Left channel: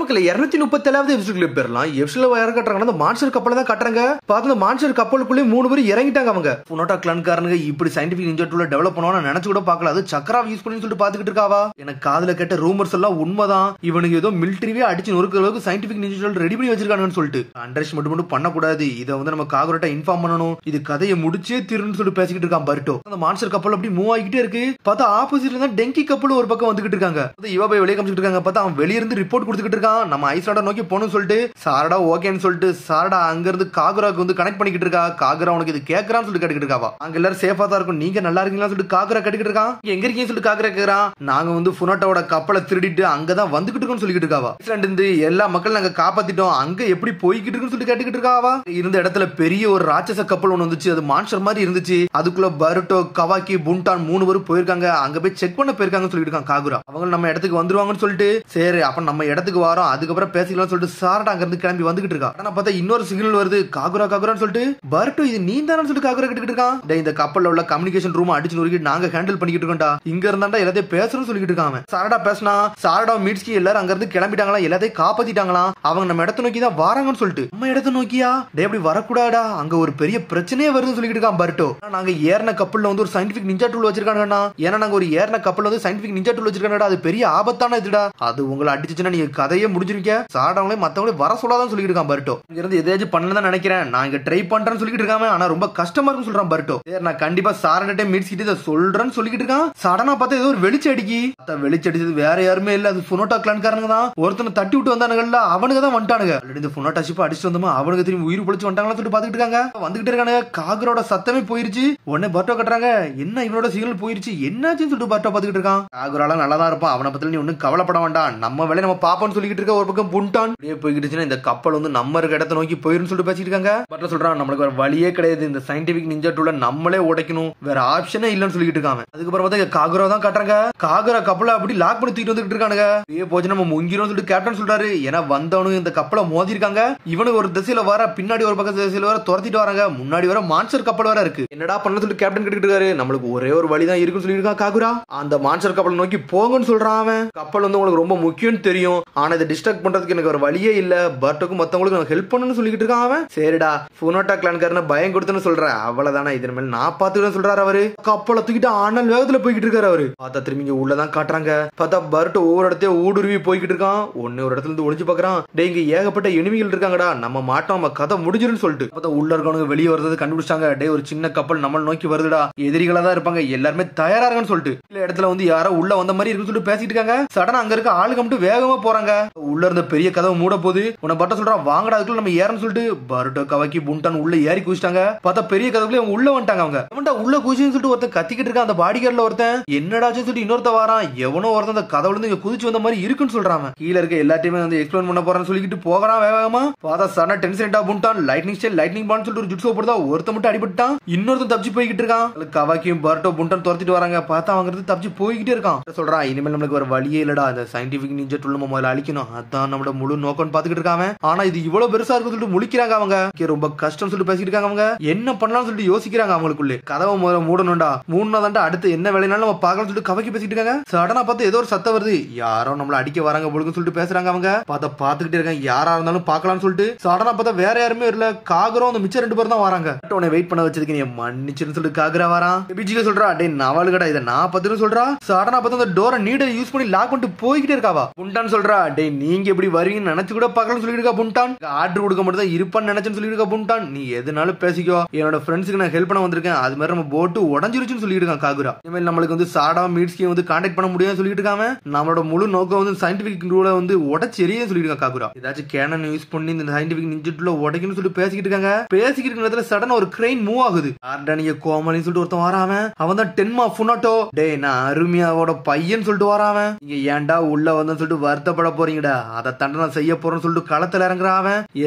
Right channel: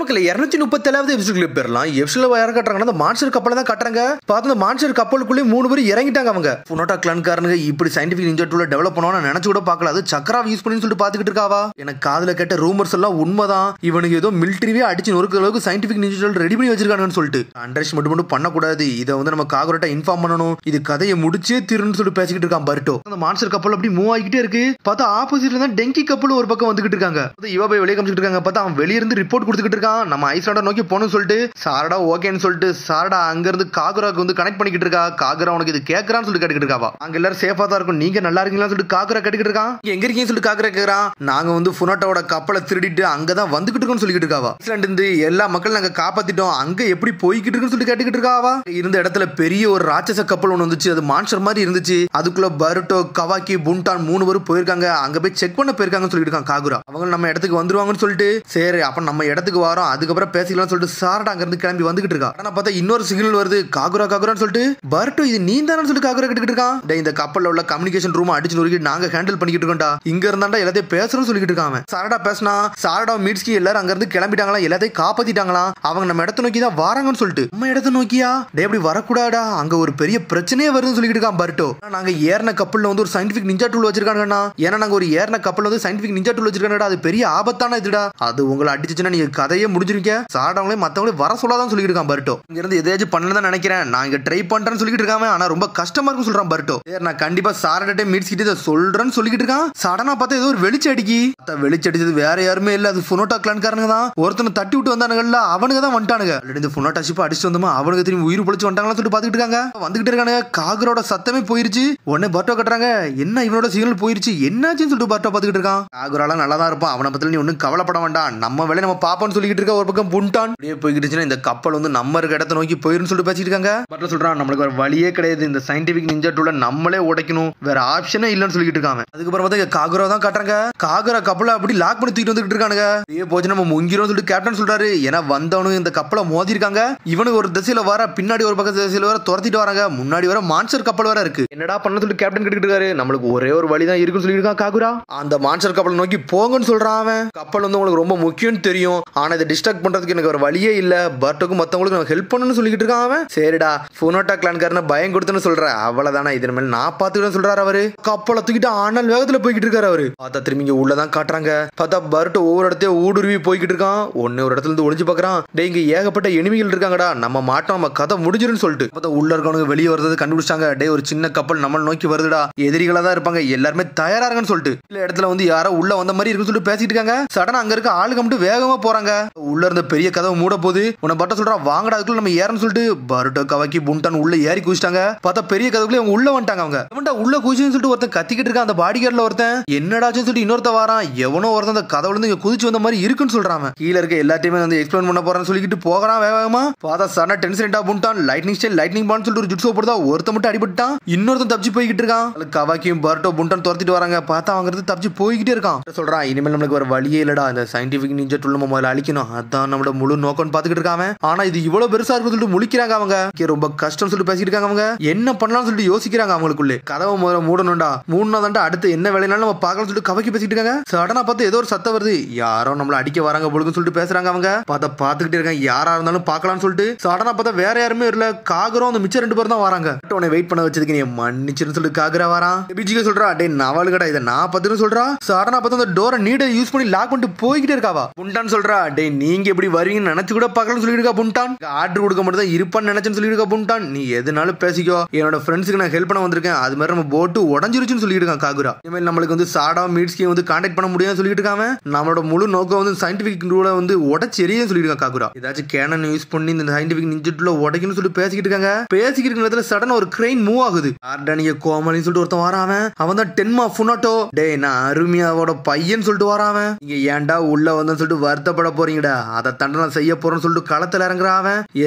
மக்கள் 237வது எபிசோட்ல பேரலாம். எபிசோட்ல யார கட்டறாங்க? அந்த மான்ஸ்டர் கப்பல தான் கட்டறாங்க. பாத்து அந்த மான்ஸ்டர் கப்பலுக்குள்ளே 3 பேர் இறங்கிட்டாங்க. அவங்க புனோட்டா கிளான்காரங்க இப்படி சயின்டிபிக் நிஞ்சா டூல டெவலப் பண்ணுவான்னு நினைச்சு கூட பார்க்கல. அது சக்கராவை யூஸ் பண்ணி சொல்லிட்டு பாத்துக்கிட்டு இருக்காவா. எனக்கு காதுல கேட்ட ரூமர்ஸ் எல்லாம் உண்மைதான். இவனுக்கு ஏதோ மிலிட்டரியே அடிச்சு நொறுக்க அளவுக்கு சயின்டிபிக் நிஞ்சா டூல் ரெடி பண்ணி வச்சிருக்காங்கன்னு சொல்லிட்டு அண்டர்ஸ் மட்டும் பண்ணக்கூடாது. இதை வந்து நம்ம காகுரட்டா இன்ஃபார்ம் பண்ணணும். இது கதையை முடிச்சே தீரணும்னு சொல்லிட்டு பேசிக்கிட்டு இருக்கான் பர்ட்டோ. அந்த மான்ஸ்டர் கப்பல் அப்படி மூவ் ஆகிட்டே இருக்கு. பார்த்தா ஆப்போசிட்ல தான் டெங்கி கப்பல் ஒரு பக்கம் வந்துகிட்டு இருக்காங்க. இவ போய் வெளியே காமிச்சிட்டு இருக்காங்க. பார்த்தா அவன் வெளிய இருந்து ரிப்போர்ட் கொடுத்துக்கிட்டு இருக்கான். நம்ம ஐஸ்லாண்டை நோக்கி போகணும்னு சொல்லிட்டு சாரடா ஓகேன்னு சொல்லிட்டு சாரடா அங்க இருந்து காகுராக்கு வந்து கனெக்ட் பண்ணிக்கிட்டு இருக்கா. காகுரா உனக்கு இது கேட்கறான்னு சொல்லிட்டு கேட்டுக்கிட்டு இருக்காவா. அங்க எல்லாரும் சேஃபா தான் இருக்கும், நீங்க நல்லா இருக்கீங்களா சொல்லிட்டு காகுரா கேட்டுக்கிட்டு இருக்கான். எங்க இருக்கீங்கன்னு சொல்லிட்டு காகுரா கேக்குறான். நாங்க வந்து புனோட்டாவோட கப்பலை திருடிட்டு அங்கதான் வந்துகிட்டு இருக்கோம்னு சொல்லிட்டு இருக்காவா. ஐஸ்லாண்ட் இருந்து எல்லா மக்களும் நாங்க காப்பாத்திட்டோம், அங்க எப்படி போய்கிட்டு இருக்குன்னு சொல்லிட்டு கேட்டுக்கிட்டு இருக்காவா. இருந்த இடத்துல பெரிய ஒரு ராட்சச கப்பல் ஒன்று வந்துச்சு. அது மான்ஸ்டர் மாதிரி இருந்துச்சு. அதுக்குள்ள பருட்டோ, கவாக்கி, புண்டான் 3 பேரும் போயிருக்காங்க. அங்க போய் செக் பண்ண போயிருக்காங்கன்னு சொல்லிட்டு இருக்கான் காகுரா. அவங்க நம்ம இடத்துக்கு வந்துருவாங்கன்னு சொல்லிட்டு சரி அப்ப நம்ம இடத்துக்கு வரோம், அதுக்கப்புறம் பேசிக்கலாம் சொல்லிட்டு சாரடா அங்க இருந்து கிளம்பி வந்துகிட்டு இருக்கா. ஆனா பார்த்தா இன்னொரு சிக்னல் வருது. காகுரா காகுரான்னு சொல்லிட்டு பர்ட்டோ இது நீ தானு சொல்லிட்டு காகுரா கிட்ட இருக்கான். இந்த கப்பல்ல உள்ள கம்யூனிகேஷன் ரூம் அடிச்சு நொறுக்கி நாங்க ஹேண்டில் பண்ணிக்கிட்டு இருக்கோம்டா. இங்க இருந்தாண்டா எல்லாத்தையும் பேசணும்னு சொல்லிட்டு இருக்காங்க. சாரடா பேசினா சாரடா மீட்ஸ்கி எல்லாரும் அங்க இருந்து கிளம்பிட்டாங்களா, எல்லாத்தையும் காப்பாத்திட்டாங்களா. அவங்க நம்ம இடத்த நோக்கி தான் வராங்கன்னு சொல்லிட்டு நம்ம இடத்த நோக்கியா டே அப்படி வரக்கூடாடா, அங்க ஒரு பெரிய பிரச்சனையே வருதுன்னு சொல்லிட்டு இருக்கான் பர்ட்டோ. நாங்க ஏறின கப்பல்ல வந்து ஒரு சயின்டிபிக் நிஞ்சா டூல் வச்சிருக்காங்கண்ணா. ஏன்னா நாங்க ஒரு ஏறின கப்பல்ல வந்து சயின்டிபிக் நிஞ்சா டூல் வச்சிருக்காங்கடா. அது பெரிய ஆபத்தான இதுடா. அது உங்களை அடிச்சுச்சுன்னா நீங்க கதையே முடிஞ்சிருக்க. சாரடாவங்களே மத்தவங்களே வர சொல்லாதான் சொல்லிட்டு இருக்கான் பர்ட்டோ. இங்க இருந்து எதையாச்சும் பண்ணலாம் நினைக்கிறேன், நான் இங்க ட்ரை பண்றேன்னு சொல்லிட்டு இருக்காங்க. ஆனா ரொம்ப கஷ்டமா இருக்குன்னு சொல்றான் பர்ட்டோ. நான் கண்டிப்பா சாரடா மீட்ஸ்கிட்ட சொல்றேன்னு சொல்லிட்டு இருக்கான். சடனா பார்த்தா ஏதோ ஒரு வெளிச்சடிக்கி வெளிச்சடிச்சது வேற யாருமே இல்ல, அது புனோட்டா கிளான்காரங்க தான். ஒருத்தனை தட்டி விட்டு வந்தானுங்கல்ல, அவனுக்கு தான் வந்துட்டானுங்க. இந்த புனோட்டா ஷிப் அடிச்சு வந்தோமா அவனுக்கு திரும்பி உயிர் பொழிச்சு வந்துட்டாங்களா சொல்லிட்டு பாத்துக்கிட்டு இருக்காங்க. வந்துகிட்டு இருக்காங்க. காகுரோட சத்தமே போயிருச்சு. உடனே பர்ட்டோ கட்டுறாங்க. என்ன இவனோட சிக்னல் போயிருச்சு, என்னாச்சுன்னு சொல்லிட்டு பர்ட்டோ பாத்துக்கிட்டு இருக்கான். காகுரால நல்லா தான் இருப்பான், அவனை பத்தி நீ ஒன்னும் கவலைப்பட வேண்டாம், நம்ம வேலையை நம்ம பாப்போம்னு சொல்லிட்டு இருக்க. ஒரு பக்கம் புண்டான் அப்படியே போய்கிட்டுச்சுன்னா இந்த கப்பல் வந்து நம்ம இருக்க இடத்த நோக்கி போயிருன்னு சொல்லிட்டு பேசிட்டு இருக்காங்க. பர்ட்டோ சொல்றான் நம்மளுக்கு வேற வழியே கிடையாது, இந்த சயின்டிபிக் நிஞ்சா டூல நம்மளே உடைக்கணும், வேற ஆப்ஷனே இல்லன்னு சொல்லிட்டு இருக்காங்க. அதுக்கப்புறம் பார்த்தா காகுரா தான் காட்டுறாங்க. காகுரா கப்பலை அப்படி லாக் பண்ணி தூக்கிட்டு வந்துட்டு இருக்கானுங்க. அப்படியே போச்சு நம்ம முங்கிரும் சொல்லிட்டு கேப்டன் சொல்றாரு. ஏன்னா வந்தவனு இந்த கப்பலை மோதி இருக்காங்க. இவனுக்கு ஒரு திசையில வர, பின்னாடி ஒரு பக்கம் திசையில வர துரத்திட்டு வராங்க. முன்னாடி வர மான்ஸ்டர் கப்பல் வேற இருக்கு. என்னடா பண்ண சொல்லிட்டு கேப்டன் கேட்டுட்டு இருக்காரு. நம்மளுக்கு ஒரே ஒரு வழி தான் இருக்குன்னு சொல்லியிருக்கான் காகுரா. அந்த மான்ஸ்டர் கப்பலை நோக்கி போங்கன்னு சொல்றான் அவன். கப்பல் வந்து உங்களுக்கு ரொம்ப முக்கியம்னு தெரியும், ஆனா இதை டிஸ்ட்ராக்ட் பண்றதுக்கு எனக்கு ஒரு வழியே இல்ல. பர்ட்டோக்கும் மத்தவங்களுக்கு நான் ஹெல்ப் பண்ணணும்னு சொல்லிட்டு இருக்கான் அவன். சரிடா புனோட்டா கிளான்காரன பயம் கொடுத்துன்னு சொல்ற, அவ்வளவுதானே, இதன் மேல நான் பாத்துக்கிறேன்னு சொல்றாரு அவரு. கப்பலை தூக்கிட்டு ஆனல் வேகத்துல போய்கிட்டு இருக்காரு அவரு. பார்த்தா திரும்பி இங்க உள்ளதான் காட்டுறாங்க. பார்த்தா பர்ட்டோ ஒவ்வொரு இடத்தையும் ஊடுருவி போய்கிட்டு இருக்கான். ஒன்னு ஒரு இடத்துல இருந்து ஒளிஞ்சு பாக்குறான். டே இங்க ஏகப்பட்ட எனிமிகள் இருக்காங்கடா, நம்ம மாட்டோம், நம்ம கதை முடிஞ்சிருன்னு சொல்லிட்டு பார்த்தா உள்ள இருக்கவங்க வெளியே வரது கண்டுபிடிச்சாங்க. டே ஒரு சின்ன கப்பல் நம்ம நோக்கி வருதுடா, எதிரிகளா தான் இருப்பாங்க, எல்லாருமே தயாரா இருங்கன்னு சொல்லிட்டு இல்ல இடத்துல வந்து யாரோ உள்ள வந்த மாதிரி இருக்குன்னு சொல்லிட்டு பேசிட்டு இருக்காங்க. சடனா அங்க இருக்க ஆளுங்க மட்டும் வேகமா போறாங்க. உள்ள இருந்த பெரிய கதவை மூட போது உன்னை பட்ட சொல்றான் வாங்கடா, அதுக்குள்ள நம்ம ஏறன்னு சொல்லிட்டு பர்ட்டோ கவாக்கி புண்டான் உள்ள ஏறி குதிச்சிட்டாங்க. பார்த்தா பெரிய கதவுக்குள்ள அவங்க உள்ள வந்துட்டாங்க. அவங்க உள்ள குதிச்சுன்னு சொல்லிட்டு ஒருத்தன் கத்திக்கிட்டு இருக்கான். அந்த பாடி கார்டுல ஒருத்தன் என்னடாச்சுன்னு சொல்லிட்டு இன்னொருத்த வாரான். எவனோ ஒருத்தன் அந்த கதவுல இருந்து குதிச்சு வந்த மாதிரி இருக்குன்னு சொல்றாங்க. கீழ இருக்க எல்லாத்தையுமே வந்து எக்ஸ்பிளைன் பண்ண போறான்னு சொல்லிட்டு போகிறான் வேகமா. பார்த்தா சடனா டென்ஷன் புண்டான் லைட்னிங் ஸ்டைல் லைட்னிங் பால்னு சொல்லிட்டு ஒரு ஜுட்ஸோ போடுதா. ஒருத்த மட்டும் அடிபட்டான், இன்னொருத்தன் தப்பிச்சு போய்கிட்டு இருக்கான். கவாக்கியும் பர்ட்டோ புண்டான் துரத்திட்டு வராங்க. பார்த்தா அவங்க இருந்து தப்பிச்சு போய்கிட்டே இருக்கான். சொல்றான் இனிமேல் நம்மளுக்கு ஒரு வழியே இல்லடா, இந்த சயின்டிபிக் நிஞ்சா டூல் நம்ம முதல்ல அழிக்கணும், அதான் நம்மளோட முழு நோக்கம் பாத்துக்கிட்டு இருக்காங்க. ஆனா இது இவ்வளவு பெருசா இருக்கு சொல்லிட்டு முழிக்கிறாங்க அவங்க. ரொம்ப கஷ்டம் சொல்லிட்டு பேசிட்டு இருக்காங்க. அவங்க என்ன பண்ணலாம்னு சொல்லிட்டு யோசிக்கிறாங்க. அவங்களுக்குள்ளே கதவை முதல்ல மூடணும்டா, மூணாதாண்டா அடுத்து என்ன வேலைனாலும் நம்ம பார்க்கலாம் சொல்லிட்டு கவக்கி பேசிட்டு இருக்காங்க. சடனா பார்த்து ஏதோ ஒரு சத்தம் வருது, யாரோ நம்மள அடிக்க வராங்க பொழுதுன்னு சொல்லிட்டு பேசுறாங்க. அவங்க பார்த்தா பாத்துக்கிட்டே இருக்காங்க, யாரா இருந்தாலும் பார்க்கலாம்னு சொல்லிட்டு. சடனா பார்த்தா வேற யாருமே இல்ல, காகுரோ அந்த மிச்சம் 2 பேர் தான் வராங்க. உன்னை வெயிட் பண்ண வச்சதுக்கு நீ மன்னிச்சிருன்னு சொல்லிட்டு காகுரா வரான். பிஜிக்கு சொல்றா டே நவாலுகடா இதை நான் பத்துன்னு சொல்றா. சடனா பார்த்தா அந்த டோரை நீட யூஸ் பண்ணி லாக் பண்ணிட்டு போய்கிட்டே இருக்காவா. புண்டான் சொல்றா டே நீங்க எப்படி வருவீங்கன்னு நினைச்சு கூட பார்க்கலாம்னு சொல்லிட்டு இருக்கா புண்டான். ஆர்டர் கொடுக்க மட்டும் தான் இருப்பான்னு நினைச்சேன்னு சொல்லிட்டு இருக்கா புண்டான். நீ எதுனாலும் பேசிக்கோ, என்னோட ஃப்ரெண்ட்ஸுக்கு நான் ஹெல்ப் பண்ண வந்திருக்கேன், அது மாதிரி நம்ம போட்டு உடஞ்சிருச்சுன்னு சொல்லிட்டு இருக்கான் காகுரா. இனிமேல் நம்மளுக்கு வந்து சாடா மீட்ஸ்கி வந்து கான்டாக்ட் பண்ண முடியும்னு சொல்லிட்டு இருக்காங்க. நம்மளோட முழு நோக்கம் வந்து சயின்டிபிக் டூல வந்து உடச்சு எரியன்னு சொல்லிட்டு இருக்கான் காகுரா. ஏதாச்சும் கேனன் யூஸ் பண்ணி இந்த சயின்டிபிக் நிஞ்சா டூல உடைக்கணும்னு சொல்லிட்டு பேசிக்கிட்டு இருக்காங்க. பேசிக்கிட்டு இருக்க நேரத்துல சடனா ஒரு கிரெயின் மூவ் ஆகுது. ஆர்டானிய கோமலின்னு சொல்லிட்டு ஒருத்தன் வரான். அவன் தான் டென்மா புனோட்டோ. டே நான் அருமையாவோட பையன் சொல்லிட்டு வரான். நீங்க ஏன்டா உள்ள வந்து சொல்லிட்டு வருத்தப்பட போறீங்கடா, அதை தண்டனை செய்ய போறேன்னு சொல்லிட்டு களத்துல இறங்குறான்.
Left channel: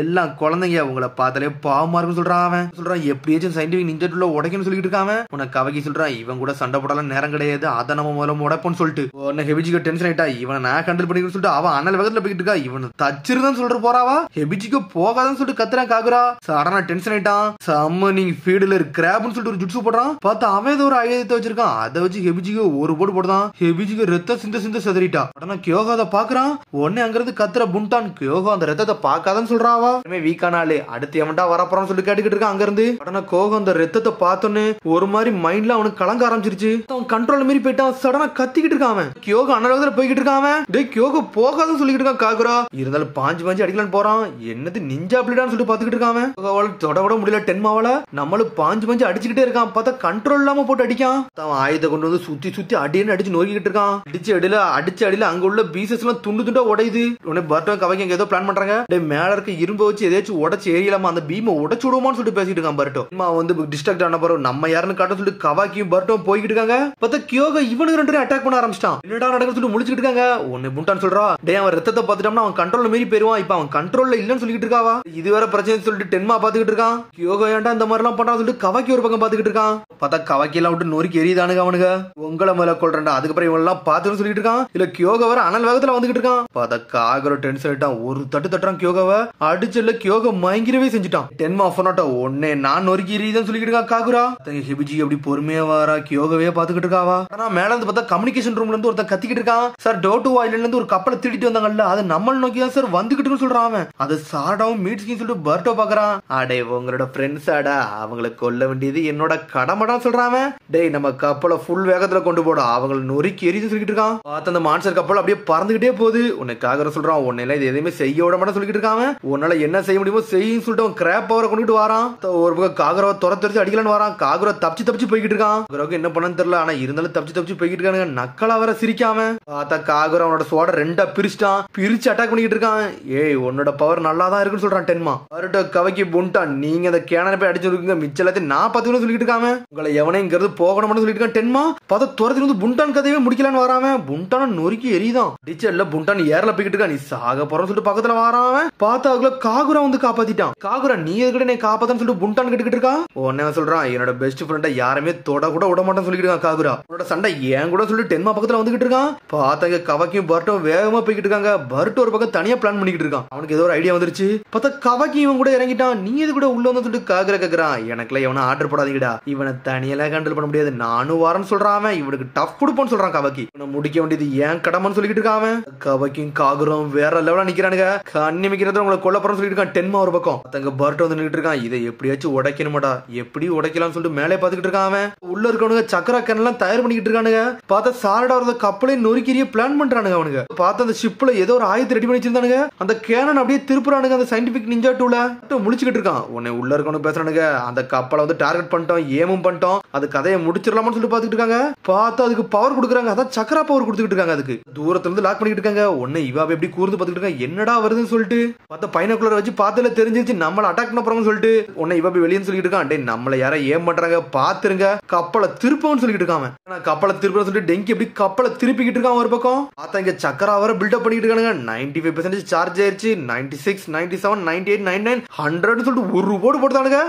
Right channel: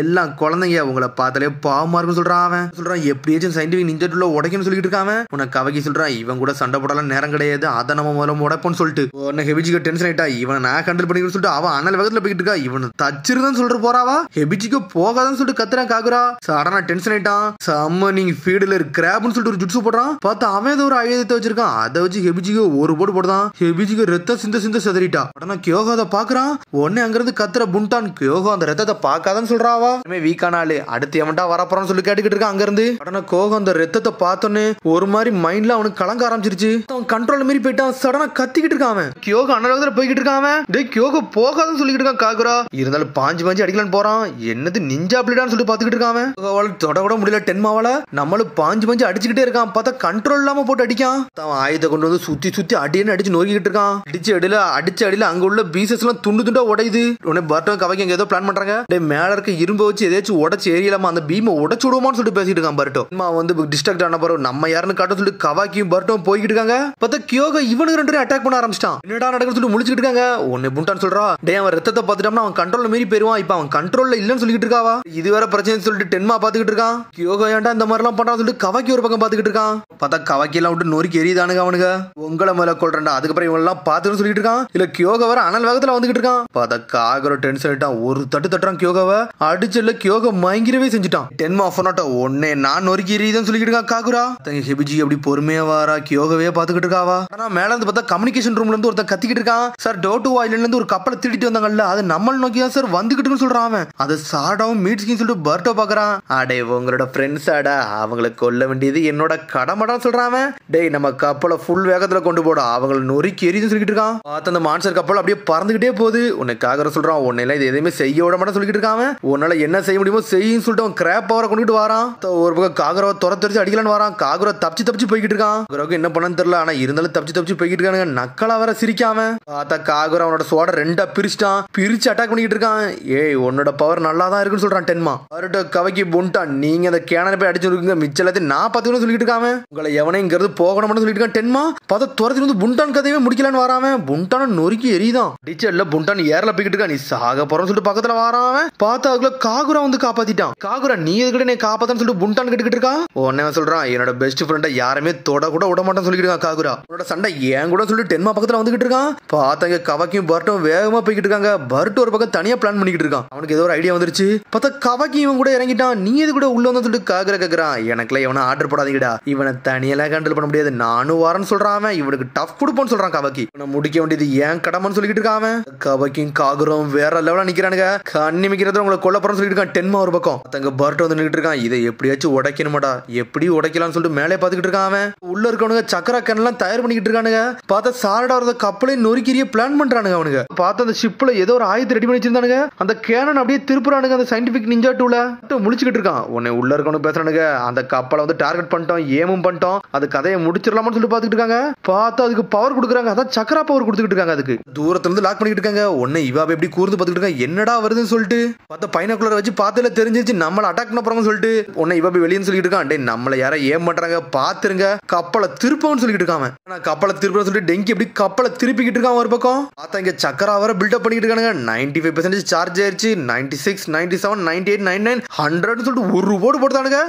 எல்லாம் குழந்தைங்க உங்களை பார்த்தாலே பாவமா இருக்குன்னு சொல்றான். சொல்றான் எப்படியாச்சும் சயின்டிபிக் நிஞ்சா டூல உடைக்கணும்னு சொல்லிட்டு இருக்கான். உனக்கு கவக்கி சொல்றான் இவன் கூட சண்டை போடலாம் நேரம் கிடையாது, அதை நம்ம முதல்ல உடைப்போம்னு சொல்லிட்டு உடனே ஹெபிஜிக்கு டென்ஷன் ஆயிட்டா. இவனை நான் ஹேண்டில் பண்ணிக்கணும்னு சொல்லிட்டு அவன் அண்ணல் வேகத்துல போயிட்டு இருக்கா. இவன் தச்சிருதான் சொல்ற போறாவா. ஹெபிஜிக்கு போகாதுன்னு சொல்லிட்டு கத்துறான் காகுரா. சடனா டென்ஷன் ஆயிட்டான். சம்மனிங் ஃபீல்டுல கிராப்னு சொல்லிட்டு ஒரு ஜுட்ஸு போடுறான். பார்த்தா அவன் ஏதோ ஒரு ஆயுதத்தை வச்சிருக்கான். அதை வச்சு ஹெபிஜிக்கு ஒரு போடு போடுதான். ஹெபிஜிக்கு ரத்த சிந்த சிந்த செதறிட்டா. உடனே கியோகாத பாக்குறான். உடனே உடனே அங்கிருந்து கத்துற புண்டான் கோகோ அந்த ரத்தத்தை பார்க்காதன்னு சொல்றாவா. வீக்கான ஆளு அடுத்து எவன்டா வரப்போறான்னு சொல்லி கேட்டுக்கிட்டு இருக்கான். அங்க இருந்து உடனே கோகோ அந்த ரத்தத்தை பார்த்தோன்னு ஒரு மாதிரி மைண்ட்ல அவனுக்கு கலங்க ஆரம்பிச்சிருச்சு. அவன் கண்ட்ரோல் மீறி போயிட்டான். சடனா கத்திக்கிட்டு இருக்கான். கியோகோ அனலகத்துல போய்கிட்டு இருக்கான். டேய் கியோகோ போகாதன்னு சொல்லிட்டு இருக்கான் காகுரா. இருந்தாலும் பாஞ்சு அடிக்கலான்னு போறான். என்னது நிஞ்சா பிளேடான்னு சொல்லி பாத்துக்கிட்டு இருக்கான். அவள் தொட கூட முடியல டென்மாவால. நம்மளும் பாஞ்சு அடிச்சுக்கிட்டே இருக்கான். பார்த்தா கண்ட்ரோல் இல்லாம போட்டு அடிக்கான். அவன் ஆயுத கொண்டு வந்து சுத்தி அடின்னு அடிச்சு நோக்கிட்டு இருக்கான். அடிச்சு அடியில அங்க உள்ள பீசஸ் எல்லாம் துண்டா உடையுது. உடனே பர்ட்டோ கவைக்கு ஏதோ பிளான் பண்றாங்க. மேல இருக்க இரும்பு வச்சு ஏதாச்சும் உடச்சு ஏறியலாமா அந்த பீமை உடச்சு விடுவோம்னு சொல்லிட்டு பேசிட்டு இருக்கான் பர்ட்டோ. வந்து டிஸ்ட்ராக்ட் ஆன பிறகு நம்ம யாருன்னு காட்ட சொல்லிட்டு கவாக்கியும் பர்ட்டோ போய்கிட்டு இருக்காங்க. பார்த்தா கியோகோ இவனுக்கு ரெண்டு அட்டாக் பண்ண ஆரம்பிச்சிட்டான். என்னடா நடக்குன்னு சொல்லி முழிச்சிட்டு இருக்காங்க. ஒன்னு புண்டான்னு சொல்றா. டேய் அவன் ரத்தத்தை பார்த்துட்டோம்னா அவன் கண்ட்ரோல்ல மீறி போயிருவான். இப்ப அவன் கண்ட்ரோல்ல இல்லன்னு சொல்லிட்டு இருக்காவா. இது வேற பிரச்சனை சொல்லிட்டு டென்மா பாத்துக்கிட்டு இருக்கான். கியோகோ ஏன்டா இந்த மாதிரி எல்லாம் பண்றான்னு சொல்லிட்டு கவாக்கி ஒரு பக்கம் பாத்துக்கிட்டு இருக்கான். பார்த்தா கவாக்கி எல்லாம் விட்டு நொறுக்கி எரியுதானுங்க அவனுங்க. உங்களை மேல கொள்றா. அதுக்கப்புறம் இவன் எல்லாம் பாத்துன்னு சொல்லிட்டு இருக்கான். இல்ல கியோகோ வர அனல் வேகத்துல வந்துகிட்டு இருக்கான். பார்த்தா காகரோ டென்ஷன் ஆயிட்டான். ஒரு தட்டுறான் கியோகோவை. அடிச்சல கியோகோ மயங்கிரவே செஞ்சுட்டான். டென்மா ஃபோனோட்ட ஒன்னே நான் நொறுக்கி எரியுதுன்னு சொல்லிட்டு இருக்கான் காகுரா. ஹெபிஜி அப்படி பொறுமையா வாரா கியோகோவே பாத்துக்கிட்டு இருக்காவா. ஆனா மேல இருந்து பார்த்தா கம்யூனிகேஷன் ரூம்ல இருந்து ஒருத்தன் கத்திக்கிட்டு இருக்கான். சார் டோட்டு வாயில இருந்து ஒரு கப்பலை திருடிட்டு வந்தாங்கல்ல அது நம்மள நோக்கி தான் சார் வந்துகிட்டுன்னு சொல்றான். அது சாடாவும் மீட்ஸ்கின்னு சொல்லிட்டு பர்ட்டோ பாக்குறான். அடே உங்களோட ஃப்ரெண்ட்ஸ் ஆடா அவங்களை கொல்ல வேண்டியது என்னோட கடமைடா சொல்றான். டேய் நம்ம கப்பலை ஃபுல் வேகத்துல கொண்டு போட அவங்களை நொறுக்கி எரியுதுன்னு சொல்லிட்டு இருக்கான். பார்த்த அந்த மான்ஸ்டர் கப்பல் அப்படியே பறந்துகிட்டே போகுது. உன்னை காகர சொல்றான். உன்னையில இது எதுவுமே செய்ய விட மாட்டேன்னு சொல்லிட்டு இருக்கான். உன்னால என்ன செய்ய முடியுமோ செய்யும் சொல்லிட்டு அவன் கிராப் பவரை கொண்டுட்டு வரான். ஒரு பக்கம் காகரவை துரத்து அடிக்கலான்னு வரான். காகரவை தப்பிச்சு போய்கிட்டு இருக்கான். காகரவுக்கு என்ன பண்ணன்னு தெரியல. ஆனா இருந்தாலும் தப்பிச்சு போய்கிட்டு இருக்கானுங்க. நக்கலா வர சிரிக்காம பார்த்தா காகரோ அவனோட சோட ரெண்டா பிரிச்சுட்டான். பிரிச்சு அட்டாக் பண்ணிட்டு இருக்கான். ஏய் உன்னோட பவர் நல்லா தான் இருக்குன்னு சொல்றான் டென்மா. அவர்கிட்ட கவைக்கு புண்டான் நீங்க அந்த கேனரை போய் அடிச்சு இருக்குங்க மிச்ச எல்லாத்தையும் நான் பார்த்துக்கணும் சொல்லிட்டு இருக்காம. உங்களை எவனைங்கிறது போகணும்னு சொல்லிட்டு இருக்கான் டென்மா. பார்த்தா துரத்துல வந்து புண்டான் கதையே முடிக்கலான்னு வராம புண்டான நொறுக்கி எரியுதான். டிச்சர்ல புண்டான் ஏர்ல போய்கிட்டு இருக்கா. நீ சாக போறன்னு சொல்லிட்டு பக்கத்துல வரான். பார்த்தா அதுக்குள்ள காகுரா வந்து காப்பாத்திட்டான். காகுரா நீ எதுக்கிட்ட நீ காப்பாத்தான்னு சொல்லிட்டு புண்டான் கேட்டுக்கிட்டு இருக்கா. உடனே சொல்றான் என்னோட பெஸ்ட் ஃப்ரெண்ட யாருமே தொட கூட விட மாட்டான்னு சொல்லிட்டு இருக்கான் காகுரா. உன்னோட சண்டை ஏன் கூட சொல்லி டென்மா பக்கத்துல வந்துகிட்டு இருக்கான். பார்த்தாங்க கவக்கியும் பர்ட்டும் வேகமா போய்கிட்டு இருக்காங்க. பர்ட் ஒரு பக்கம் தனியா பிளான் பண்ணிக்கிட்டு இருக்கான். அவனுக்கு ஏதோ ஒரு ஐடியா வந்துருச்சு. பார்த்தா கவக்கி இவன் கூட இறங்கிட்டான். நீ எது கூட உள்ள வந்து சொல்லிட்டு காகுரா கேக்குறான். எனக்குலாம் இவனை ஆர்டர் போடாதீங்கடா. இவனை தனியெல்லாம் ஹேண்டில் பண்ண முடியாது. நானும் வரேன்னு சொல்றான். இவனுக்கு டஃப் கொடுப்போன்னு சொல்றான் கவக்கி. இவனை முடிக்க வேண்டியது ஏன் கடமைன்னு சொல்லிட்டு இருக்கான். கவக்கியும் காகுரும் வேற லெவலா நிக்கிறானுங்க. கண்ணி மிக்கிறது உங்களை கொல்ல போறேன்னு சொல்லிட்டு இருக்கான் டென்மா ஒரு பக்கம். தங்க பர்ட் வந்து நின்னுட்டு இருக்கான். இதை எப்படியாச்சும் உடைக்கணுமாடா எப்படி உடைக்கலாம்னு சொல்லிட்டு மேலே பாத்துக்கிட்டு இருக்கான். உள்ள இருக்கவனுங்க சக்கரா கண்ணெல்லாம் தயார் பண்ணிக்கிட்டு இருக்கானுங்க. பார்த்தா சாரடா வரத கப்பலே நொறுக்கிறிய பிளான் பண்றானுங்க அவனுங்க. பார்த்தா அந்த ஷிப்ல ஏதோ ஒரு ஆயுதத்தை ரெடி பண்ணி வச்சிருந்தானுங்க. அந்த கேனன் அப்படியே திருப்புறானுங்க. அந்த சயின்டிபிக் நிஞ்சா டூல முழிச்சுக்கிட்டு இருக்கான். உன்னை உள்ள இருக்கவனு பேசுறானுங்க. அந்த கப்பலை வந்து டார்கெட் பண்ணிட்டோம் ஏமும் பண்ணிட்டோம். அது கதையை முடிச்சிடலாம்னு சொல்லி பாத்துக்கிட்டு இருக்காங்க. பார்த்தா அதுக்கு பவர் கொடுக்குறாங்க. அதான் சக்கரா பவர் கொடுத்துக்கிட்டு இருக்காங்க. அதுக்கு தூரத்துல இருந்து லாக் பண்ணிட்டு இருக்காங்க. உன்னை இவாவை எப்படி கூர்ந்து பாத்துக்கிட்டு இருக்காங்க. என்னடா வருதுன்னு சொல்லிட்டு பார்த்தா பைனாக்குலர் வச்சு பார்த்ததுல தெரிஞ்சிச்சு நம்மள அட்டாக் பண்ண போறோம்னு சொல்லிட்டு உன்னை இவா வெளியே சொல்லிட்டு இருக்கான். டேய் நம்மள யாரோ ஏம் பண்றாங்க பாத்துருங்க கப்பலை திருப்பம்னு சொல்லிட்டு இருக்கான். கப்பலை திருப்பம் சொல்லிட்டு டெங்கி எப்படி கப்பலை திருப்பிக்கிட்டு இருக்கான் ஒரு பக்கம். பார்த்தா இங்க சக்கரா வர பில்டப் பண்ணிட்டு இருக்காங்க. 95% சார்ஜ் ஆயிருச்சு. 96, 97, 98, 99, 100 சொல்லிட்டு ஒரு ஓடு போட்டானுங்க.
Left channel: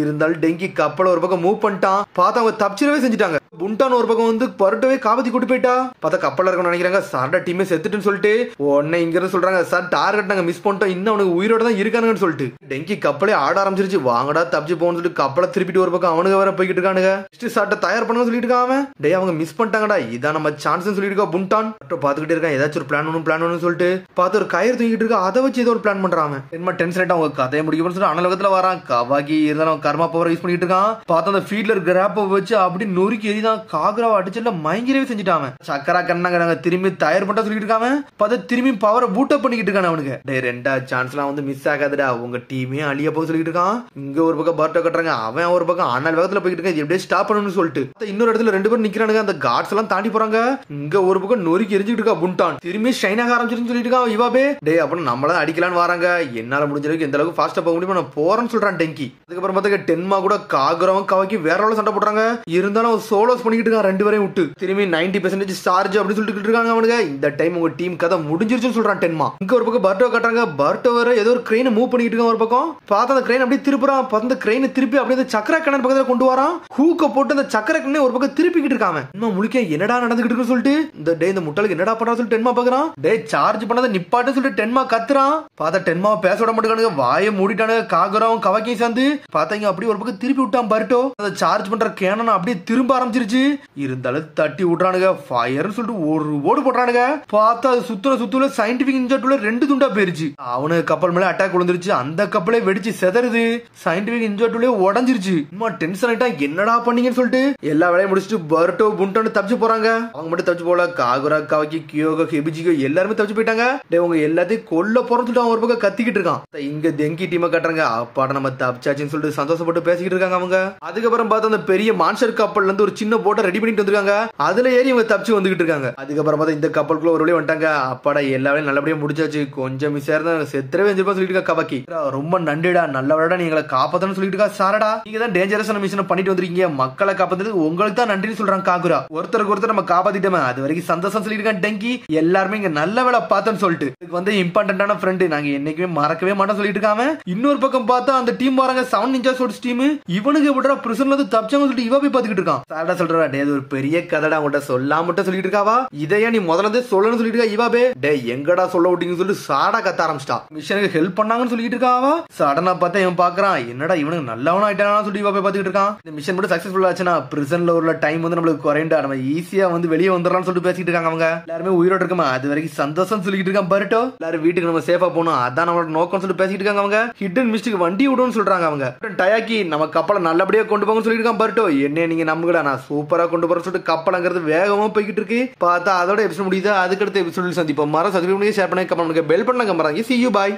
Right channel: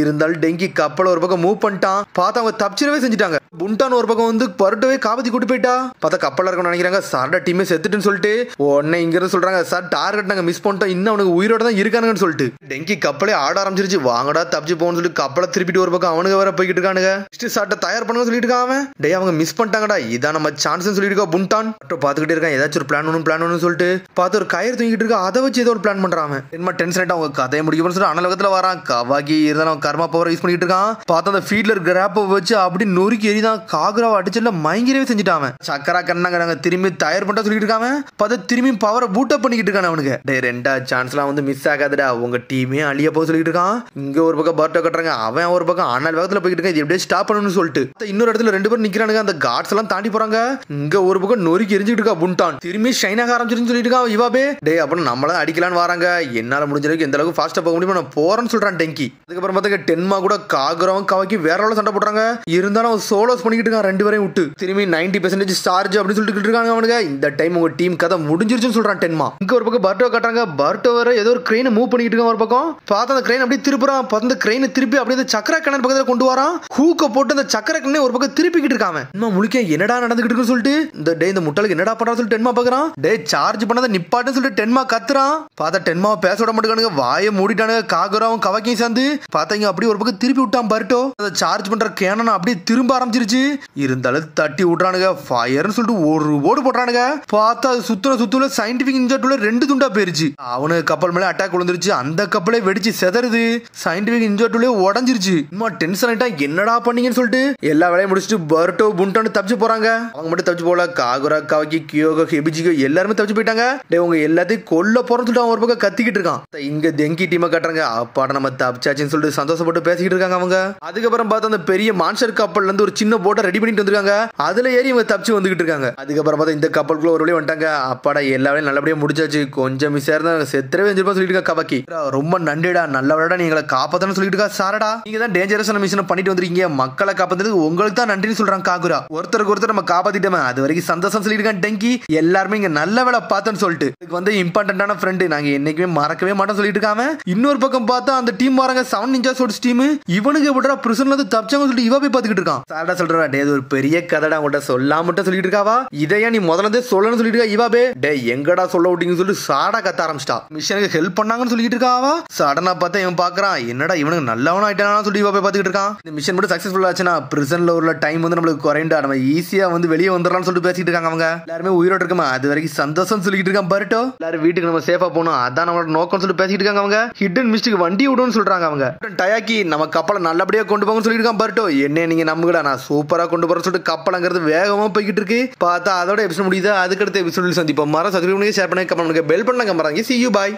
இருந்தாலும் டெங்கி கப்பலை ஒரு பக்கம் மூவ் பண்ணிட்டான். பார்த்தா அவங்க தப்பிச்சிடவே செஞ்சுட்டாங்க. புண்டான் ஒரு பக்கம் வந்து பருட்டவே காபத்தி கூட்டி போயிட்டா. பார்த்தா கப்பல இருக்கணும்னு நினைக்கிறாங்க. சார்டா டீமே செத்துட்டுன்னு சொல்லிட்டு உடனே இங்க இருந்து சொல்றாங்க சார் டார்கெட் நாங்க மிஸ் பண்ணிட்டோம். இன்னும் அவனுக்கு உயிரோட தான் இருக்கானுங்கன்னு சொல்லிட்டு டெங்கி கப்பலே ஆட ஆரம்பிச்சிருச்சு. வாங்கடா தப்பிச்சு போன்னு சொல்லிட்டு கப்பலை திருப்பிட்டு ஒரு பக்கம் அவனுக்கு வர போய்கிட்டு இருக்கானுங்க. சார்ட்ட தயார் பண்ண சொல்லிட்டு இருக்கான். டேய் அவங்க மிஸ் பண்ணிட்டாங்கடா. இதான் நம்ம சான்ஸ் சொல்லிட்டு இருக்கா புண்டான். பாத்துக்கிட்டே இருக்கான். ஏதாச்சும் ஒரு பிளான் சொல்லிட்டு பார்த்து ஒரு கயிறு தூக்கிட்டு இருக்கா. அதை வச்சு ஏதோ ஒரு பிளான் பண்றான். என்ன டென்ஷன் ஆயிட்டு அவங்க கதையை முடிக்கணும்னு சொல்லி அனலகத்துல வரான். கவாக்கி இருந்தாலும் கர்மா பவர் யூஸ் பண்ணிட்டு இருக்கான். பார்த்தா அந்த ஃபீல்டர் கிராப்ப வச்சு அப்படி நொறுக்கி எரிதான். காகராவை அடிச்சல மயங்கிரவே செஞ்சுட்டான். சக்கரா கண்ணாங்க திரும்பி தயார் பண்ண சொல்லிட்டு இருக்காங்க. பார்த்து திரும்பி பவரை பூட் அப் பண்ணிக்கிட்டு இருக்கான். அவனுக்கு டே ரெண்டா சான்ஸ்லாம் வந்து மிஸ் ஆகாதுடா. உங்க டீமே அழிய போக சொல்லிட்டு இருக்கான். இங்க ஒரு பக்கம் பர்ட்டோ கட்டுறாங்க. அவன் ஒரு பக்கம் அனல் வேகத்துல போய்கிட்டு இருக்கான். இது எப்படியே ஸ்டாப் பண்ணணும்னு சொல்லிட்டு இன்னொரு இடத்துல ரெண்டு பேரும் நிக்கிறானுங்க. அந்த காட்ஸ் எல்லாம் தாண்டி போறாங்க. இங்க ஒரு பக்கம் நொறுக்கி எரிஞ்சுட்டு இருக்கா புண்டான். திரும்பி ஷைன் ஆக ஆரம்பிச்சிருன்னு சொல்லிட்டு இருக்கான். இவாபே டே அப்புறம் நம்மள அடிக்கலான்னு வராங்க. என்னால முடிஞ்ச அளவுக்கு எந்த அளவுக்கு ஃபாஸ்டா போக முடியுமோ நான் போறேன்னு சொல்றான் டெங்கி. அதுக்கப்புறம் பார்த்தா டென்மா கூட காகரவன் கவாக்கி வேற அளவு சண்டை போடுறாங்க. இருந்தாலும் அவன் சோலோஸ் பண்ணிக்கிட்டு இருக்கான். ரெண்டு பேரையும் விட்டு திரும்பி 90% சார்ஜ் அப்படின்னு சொல்லிட்டு இருக்காங்க அவனுங்க. இந்த டைம் உங்க டீம் கதை முடிஞ்சிருச்சுன்னு சொல்றான் டென்மா. இங்க ஒரு பக்கம் பர்ட்டோ கட்டுறாங்க. பர்ட்டோ வேற ஏதோ ஒரு கிரெயினை மூவ் பண்ணிட்டு இருக்கான். ஒரு பக்கம் பார்த்தா அந்த கிரெயின் அப்படியே திருப்புறான். அந்த கிரெயினை திருப்பி அப்படியே சக்கர கண்ணன் பக்கத்துல கொண்டு வரான். ஹூக்க போட்டு அந்த சக்கர கண்ணை ஒரு பக்கம் திருப்பிக்கிட்டு இருக்கான். இன்னும் முழிக்க என்னடா நடந்துகிட்டு இருக்குன்னு சொல்லிட்டு இந்த டே இந்த முட்டாளுக்கு என்னடா பண்றான்னு சொல்லிட்டு டென்மா பாக்குறான். டே சார்ஜ் பண்ணதை நிப்பாட்டு சொல்லிட்டு டென்மா கத்துறான். பார்த்தா டென்மா பேச விட மாட்டேங்கானுங்க. வாயை மூடிட்டானுங்க. காகராவும் கவாக்கியும் சேர்ந்து பார்த்தாங்க அப்படியே ஒரு பக்கம் திருப்பி விட்டான் பர்ட்டோ. அதை சார்ஜ் பண்ற கேனன் அப்படியே திரும்ப ஆரம்பிச்சிருச்சு. இருந்தாலும் தட்டி விட்றானுங்க. ஃபயர்னு சொல்லிட்டு ஒரு ஓடு போடுறானுங்க. பார்த்தா அது சுத்த குத்துல சயின்டிபிக் நிஞ்சா டூல 2 துண்டா போயிருச்சு. அவனுக்கு கப்பல் மேல அட்டாக் விழுந்துருச்சு. அந்த கப்பலே வெடிச்சு செதறுது. சயின்டிபிக் நிஞ்சா டூல உடஞ்சிருச்சு. சும்மா டென்ஷன் ஆயிட்டா என்னடா பண்ணீங்கன்னு சொல்லிட்டு எல்லா வேலையும் முடிச்சுட்டு பர்டோ புன்டான்னு தப்பிச்சு போறாங்க. அவங்க மட்டும் தப்பிச்சு போல. காகுரா காவக்கி கியோகோ ஹெபிஜிகோ எல்லாருமே தப்பிச்சு போயிட்டாங்க. உங்க எல்லாத்தையும் கொல்ல போறோம்னு சொல்லிட்டு அவன் ஒரு பக்கம் கத்திக்கிட்டு இருக்கான். இங்க தெங்கி டீமை கட்டுறாங்க. அப்பாட நம்ம தப்பிச்சாச்சுன்னு சொல்லிட்டு சந்தோஷப்பட்டு பேசிக்கிட்டு இருக்காங்க அவங்க. அதுக்கப்புறம் பார்த்தா அந்த பெரிய மான்ஸ்டர் கப்பல்ல இருந்து ஒரு சின்ன போட்டை ரெடி பண்ணிட்டு வந்திருக்காங்க. அதுல ஏறி இவங்க தப்பிச்சு வந்துகிட்டு இருக்காங்க. அதுக்கப்புறம் பார்த்தா இந்த கப்பலுக்குள்ள ஒரு வழி வந்துட்டாங்க. அப்பாடா எல்லா வேலையும் நல்லபடியா முடிச்சாச்சு. கொஞ்சம் மிஸ் ஆயிருந்தா செத்துறவே செஞ்சிருப்பா சொல்லிட்டு இருக்கா கவக்கி. ரொம்ப நன்றிடா, நல்ல வேலைடா நீங்களை காப்பாத்தன்னு சொல்லிட்டு இருக்கா சாரடா. நீங்க தான் டேஞ்சரஸான மிஷன் பண்ணிட்டு வந்திருக்கீங்க. மக்களை காப்பாத்துறது உங்களுக்கு தான் நன்றின்னு சொல்றாங்க காகுரா. ஒருத்தருக்கு ஒருத்தர் நம்ம காப்பாத்திட்டோமே அது வரைக்கும் சந்தோஷம் சொல்லிட்டு இருக்கான் டெங்கி. எல்லாருமே இங்க நல்ல வேலை பார்த்தேன்னு சொல்லிட்டு இதுக்கு வந்து இம்பார்ட்டன்டான ஃப்ரெண்டு நாங்க என்னைக்குமே மறக்கவே மாட்டோம் சொல்லிட்டு இருக்காம. இன்னொரு பக்கம் பார்த்தா அந்த டீம் வராங்க சவுண்ட் நிஞ்சா சோட்ஸ் டீம். இவனுக்கு எப்படா பிரிசன்ல இருந்து தப்பிச்சாங்க சொல்லிட்டு இவ போய் பாத்துக்கிட்டு இருக்கான். சாரடா சொல்றா டே இது ஒரு பெரிய கதைடா உங்கள்கிட்ட சொல்லாம மட்டும் சொல்லிட்டு இருக்காவா. இதையா நீ முதல்ல சொல்லணும்னு சொல்லிட்டு இருக்கா இவாபே. டே எங்கடா சொல்ல விட்டீங்கன்னு சொல்லி சாடா கத்த ஆரம்பிச்சிட்டா. மிஷனுக்கு ஹெல்ப் பண்ணாங்கன்னு சொல்லிட்டு இருக்காவா. சடனா பார்த்தா இவன் பாக்குறான் என்னடா இவனுக்கு நல்லவனா ஆயிட்டானா சொல்லி இவ போய் பாத்துக்கிட்டு இருக்கான். இந்த மிஷன் மட்டும் சக்சஸ்ஃபுல் ஆச்சுன்னா பிரிசன்ல உள்ள டைம் வந்து நம்மளுக்கு குறைண்டா நம்ம ஈஸியா வந்து வெளியே வந்துடலாம்னு சொல்லிட்டு பேசிட்டு இருக்காங்க அவங்க. எல்லாருமே உயிரோட இருக்கமா அது வரைக்கும் சந்தோஷம் சொல்லிட்டு இருக்கான் பர்டோ. எல்லாரும் வீட்டுக்கு நம்ம சேஃபா போனோம் அதான் நம்மளோட நோக்கம் சொல்லிட்டு பேசிட்டு இருக்காங்க அவங்க. ஹிடன் மிஸ்டேக் வண்டி விடுன்னு சொல்றாங்க அவங்க. டயாக்கி நம்ம கப்பலை நல்லபடியா கொண்டு போங்கன்னு சொல்லிட்டு இருக்கான் பர்டோ. என்ன நீங்க நம்புகடா நான் சூப்பரா கொண்டு போறேன்னு சொல்லிட்டு கப்பலங்கிறது வேகமா போய்கிட்டு இருக்கு. பார்த்தா அதோட எபிசோட் முடியுது. அதுக்கடுத்த எபிசோடில் சந்திப்போம். மரம் சப்ஸ்கிரைப் பண்ணி ஷேர் பண்ணி கமெண்ட் பண்ணுங்க. பெல் பண்ண கம்பறாங்க. See you bye.